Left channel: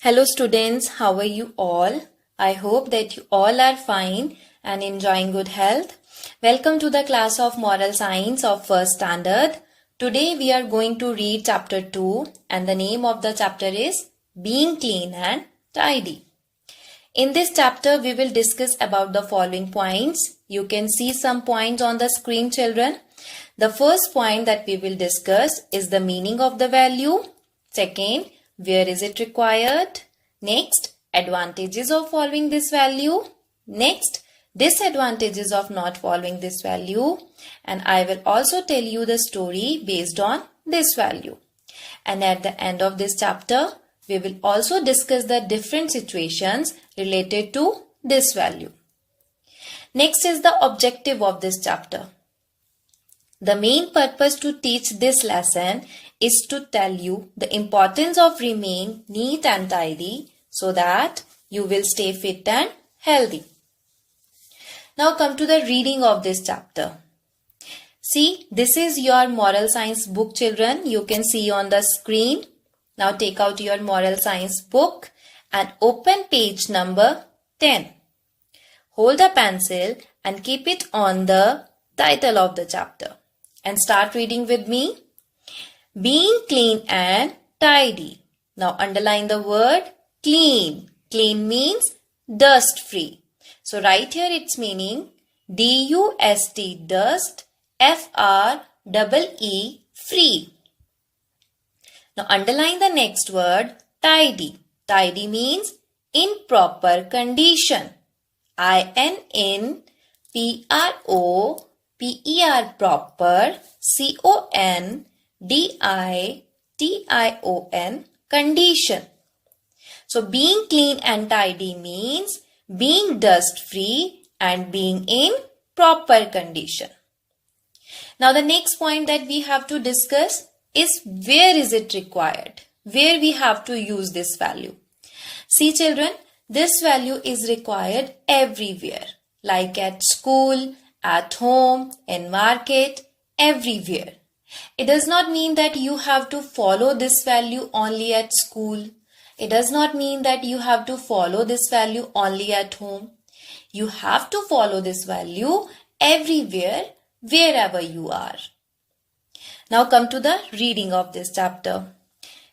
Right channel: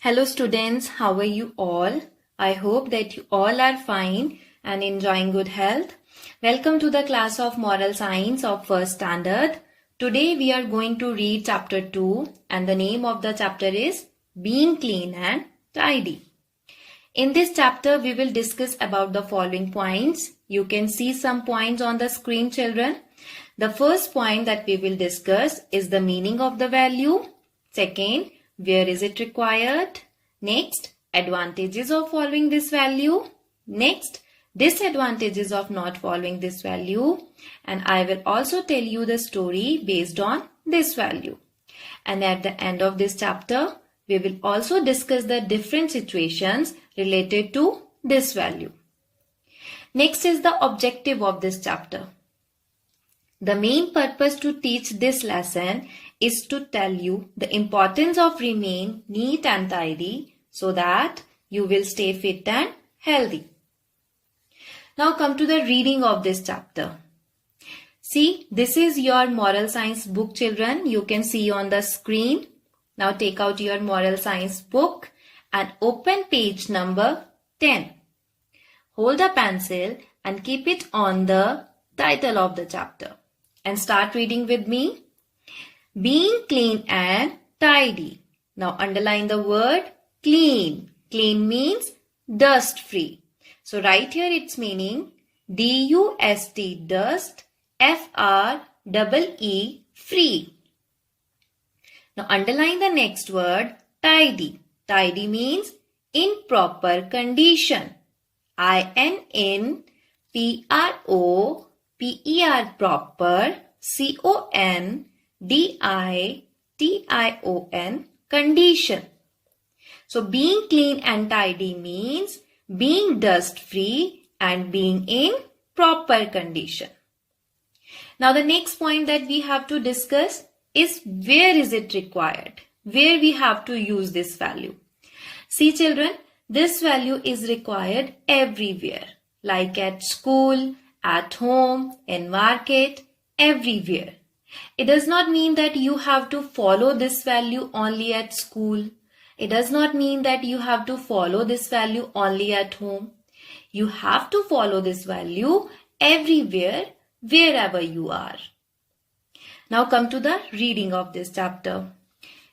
Hello students, how are you all? I hope that you all are fine and enjoying good health. Welcome to the class of Moral Science of First Standard. Today we are going to read chapter 2 and the name of the chapter is Being Clean and Tidy. In this chapter we will discuss about the following points. You can see some points on the screen, children. The first point that we will discuss is the meaning of the value. Second, where is it required? Next, advantages of following this value. Next, disadvantages of not following this value. And I will also tell you the story based on this value. And at the end of this chapter, we will also discuss the different situations related to this value. Next is the objective of this chapter. The main purpose to teach this lesson is to tell you the importance of remain neat and tidy so that you will stay fit and healthy. Now come to the reading of this chapter. See, this is your moral science book, children. You can see on the screen. Now take out your moral science book and open page number 10. Hold a pencil and keep it on the title of the chapter and start reading with me. Being clean and tidy. Now underline the word clean. Clean means dust free. So write here its meaning D-U-S-T dust F-R-E-E free. Now underline the next word tidy. Tidy means in proper condition. I-N-N-P-R-O-P-E-R proper C-O-N-D-I-T-I-O-N condition. So being clean and tidy means being dust free and being in proper condition. Now the next point that we have to discuss is where is it required? Where we have to use this value. See children, this value is required everywhere, like at school, at home, in market, everywhere. It does not mean that you have to follow this value only at school. It does not mean that you have to follow this value only at home. You have to follow this value everywhere, wherever you are. Now come to the reading of this chapter.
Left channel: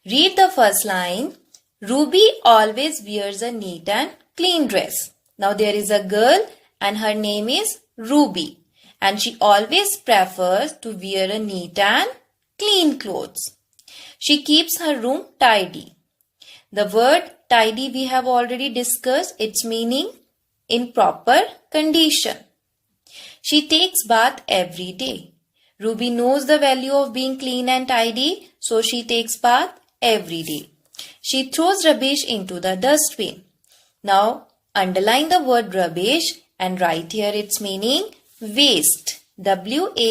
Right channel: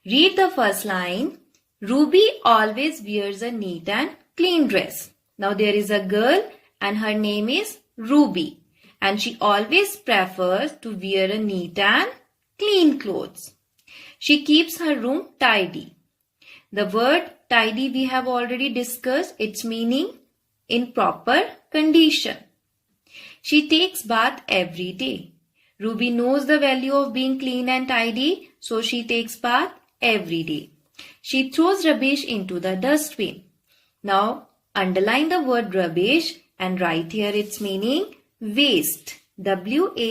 Read the first line. Ruby always wears a neat and clean dress. Now there is a girl and her name is Ruby. And she always prefers to wear a neat and clean clothes. She keeps her room tidy. The word tidy we have already discussed its meaning in proper condition. She takes bath every day. Ruby knows the value of being clean and tidy, so she takes bath every day. She throws rubbish into the dustbin. Now underline the word rubbish and write here its meaning waste. W-A-S-T-E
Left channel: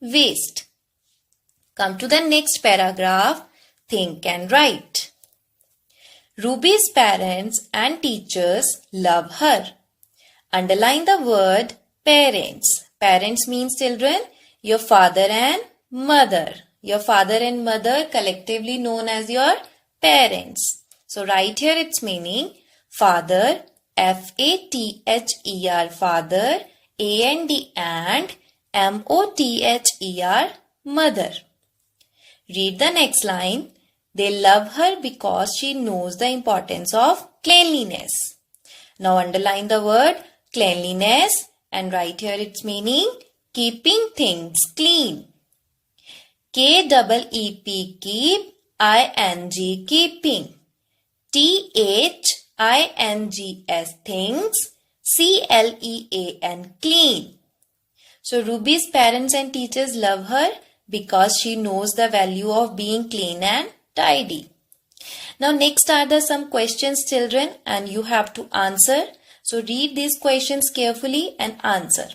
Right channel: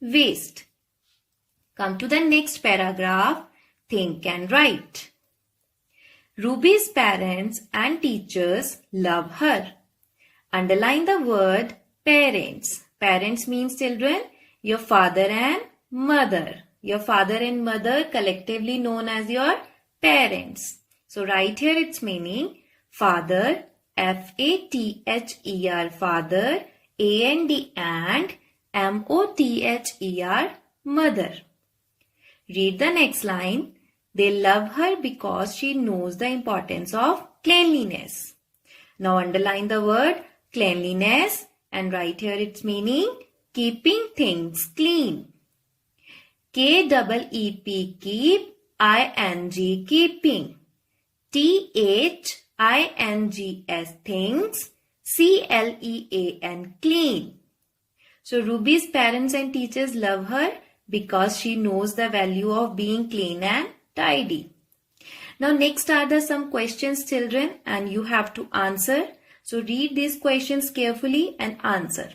waste. Come to the next paragraph. Think and write. Ruby's parents and teachers love her. Underline the word parents. Parents means children, your father and mother. Your father and mother collectively known as your parents. So write here its meaning father, F-A-T-H-E-R father, A-N-D and M-O-T-H-E-R mother. Read the next line. They love her because she knows the importance of cleanliness. Now underline the word cleanliness and write here its meaning keeping things clean. K-E-E-P keep, I-N-G keeping. T-H-I-N-G-S things, C-L-E-A-N clean. So Ruby's parents and teachers love her because she knows the value of being clean and tidy. Now next are the some questions children and you have to answer. So read these questions carefully and answer.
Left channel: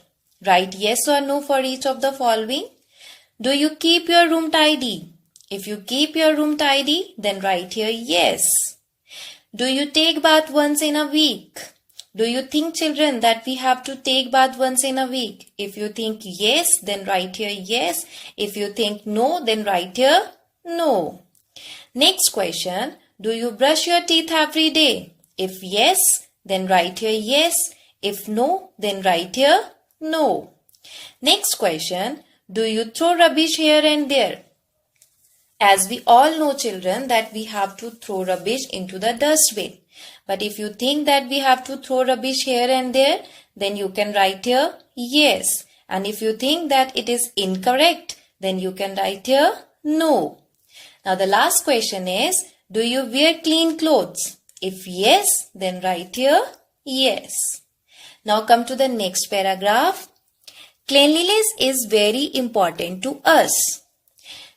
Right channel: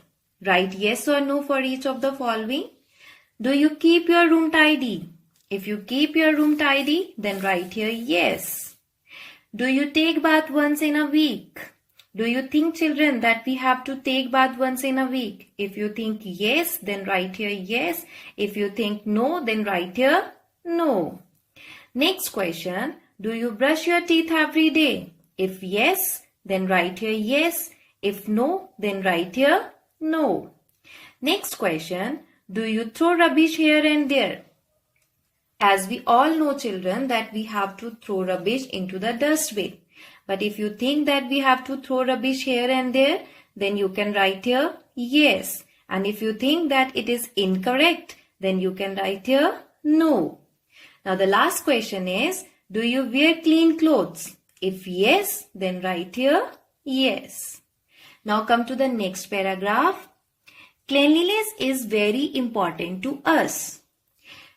Write yes or no for each of the following. Do you keep your room tidy? If you keep your room tidy, then write here yes. Do you take bath once in a week? Do you think children that we have to take bath once in a week? If you think yes, then write here yes. If you think no, then write here no. Next question. do you brush your teeth every day? If yes, then write here yes. If no, then write here no. Next question, do you throw rubbish here and there? As we all know, children, that we have to throw rubbish into the dustbin. But if you think that we have to throw rubbish here and there, then you can write here yes. And if you think that it is incorrect, then you can write here no. Now the last question is, do you wear clean clothes? If yes, then write here yes. Now come to the next paragraph. Cleanliness is very important to us.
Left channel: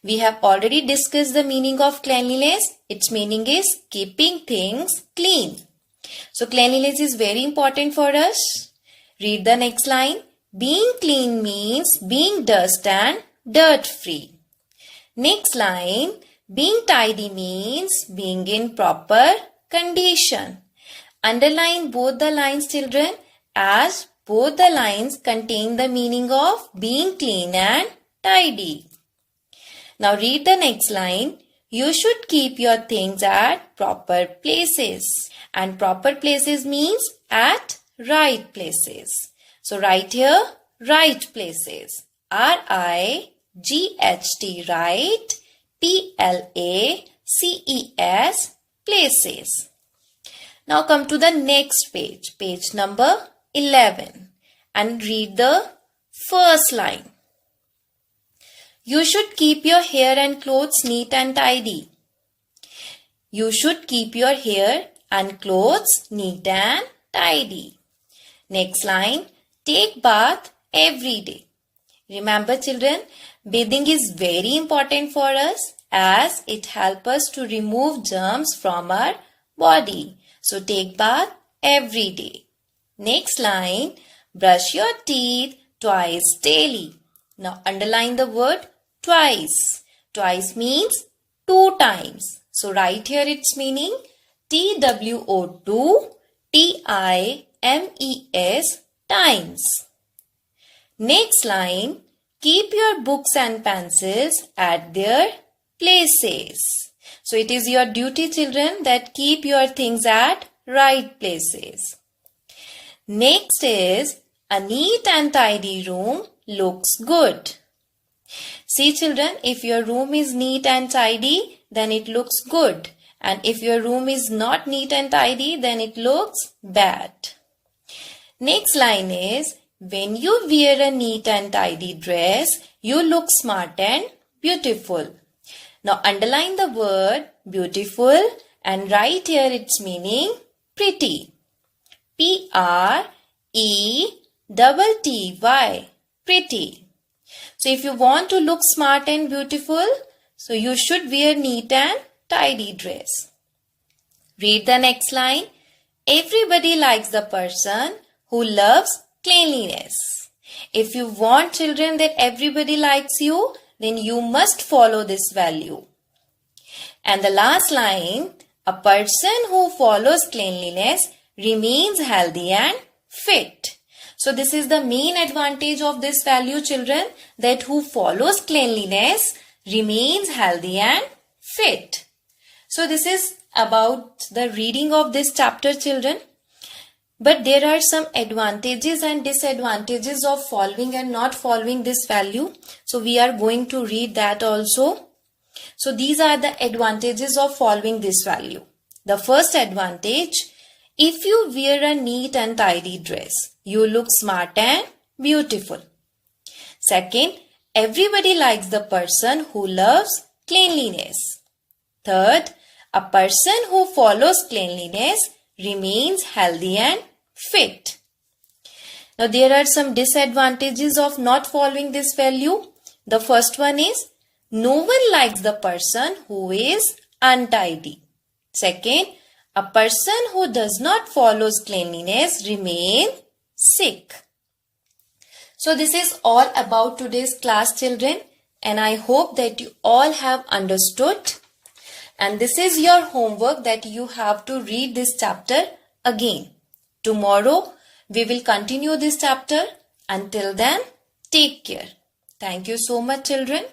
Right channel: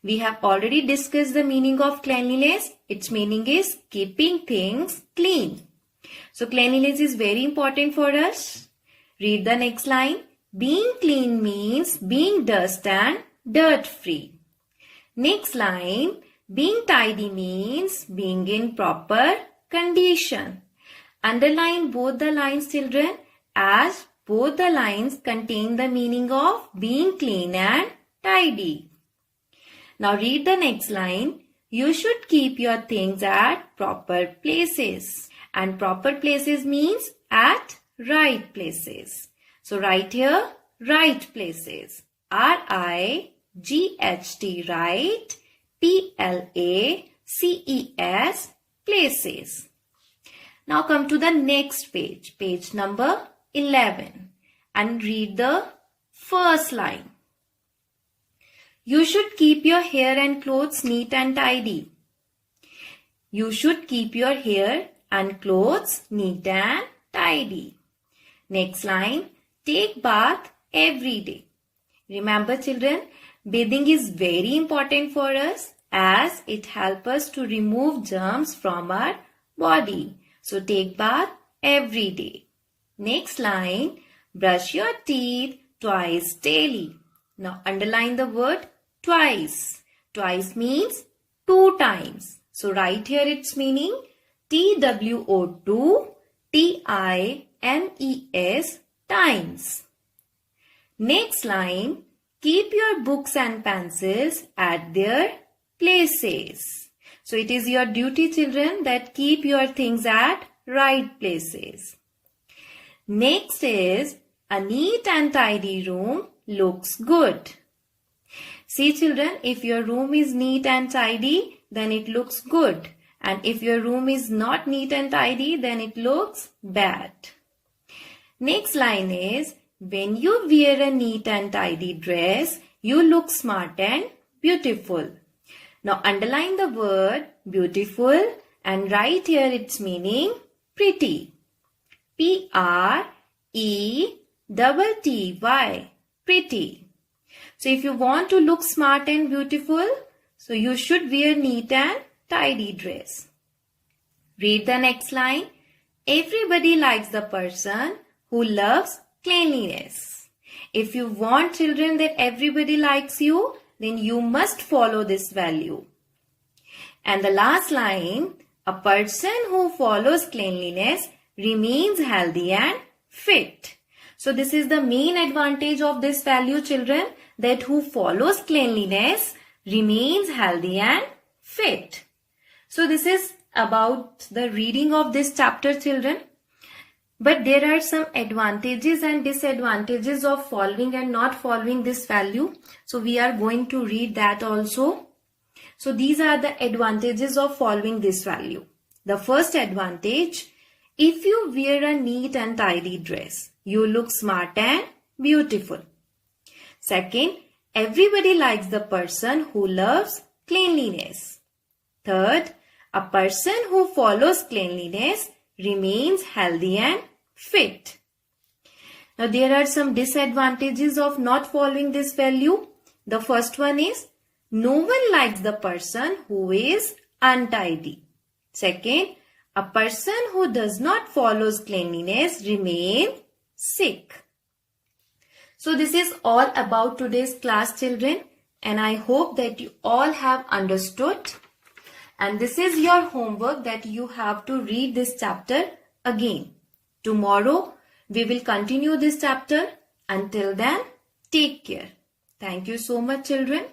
We have already discussed the meaning of cleanliness. Its meaning is keeping things clean. So cleanliness is very important for us. Read the next line. Being clean means being dust and dirt free. Next line. Being tidy means being in proper condition. Underline both the lines, children, as both the lines contain the meaning of being clean and tidy. Now read the next line. You should keep your things at proper places. And proper places means at right places. So write here right places. R-I-G-H-T, right. P-L-A-C-E-S, places. Now come to the next page, page number 11, and read the first line. You should keep your hair and clothes neat and tidy. You should keep your hair and clothes neat and tidy. Next line, take bath every day. Remember, children, bathing is very important for us as it helps us to remove germs from our body. So take bath every day. Next line, brush your teeth twice daily. Now underline the word twice. Twice means 2 times. So write here its meaning TWO2TIMES, times. Next line, keep your books and pencils at their places. So it is your duty, children, that keep your things at right places. Next is, a neat and tidy room looks good. See, children, if your room is neat and tidy, then it looks good. And if your room is not neat and tidy, then it looks bad. Next line is, when you wear a neat and tidy dress, you look smart and beautiful. Now underline the word beautiful and write here its meaning pretty. P-R-E-T-T-Y, pretty. So if you want to look smart and beautiful, so you should wear neat and tidy dress. Read the next line. Everybody likes the person who loves cleanliness. If you want, children, that everybody likes you, then you must follow this value. And the last line, a person who follows cleanliness remains healthy and fit. So this is the main advantage of this value, children, that who follows cleanliness remains healthy and fit. So this is about the reading of this chapter, children. But there are some advantages and disadvantages of following and not following this value. So we are going to read that also. So these are the advantages of following this value. The first advantage, if you wear a neat and tidy dress, you look smart and beautiful. Second, everybody likes the person who loves cleanliness. Third, a person who follows cleanliness remains healthy and fit. Now there are some disadvantages of not following this value. The first one is, no one likes the person who is untidy. Second, a person who does not follow cleanliness remains sick. So this is all about today's class, children, and I hope that you all have understood. And this is your homework, that you have to read this chapter again. Tomorrow we will continue this chapter. Until then, take care. Thank you so much, children.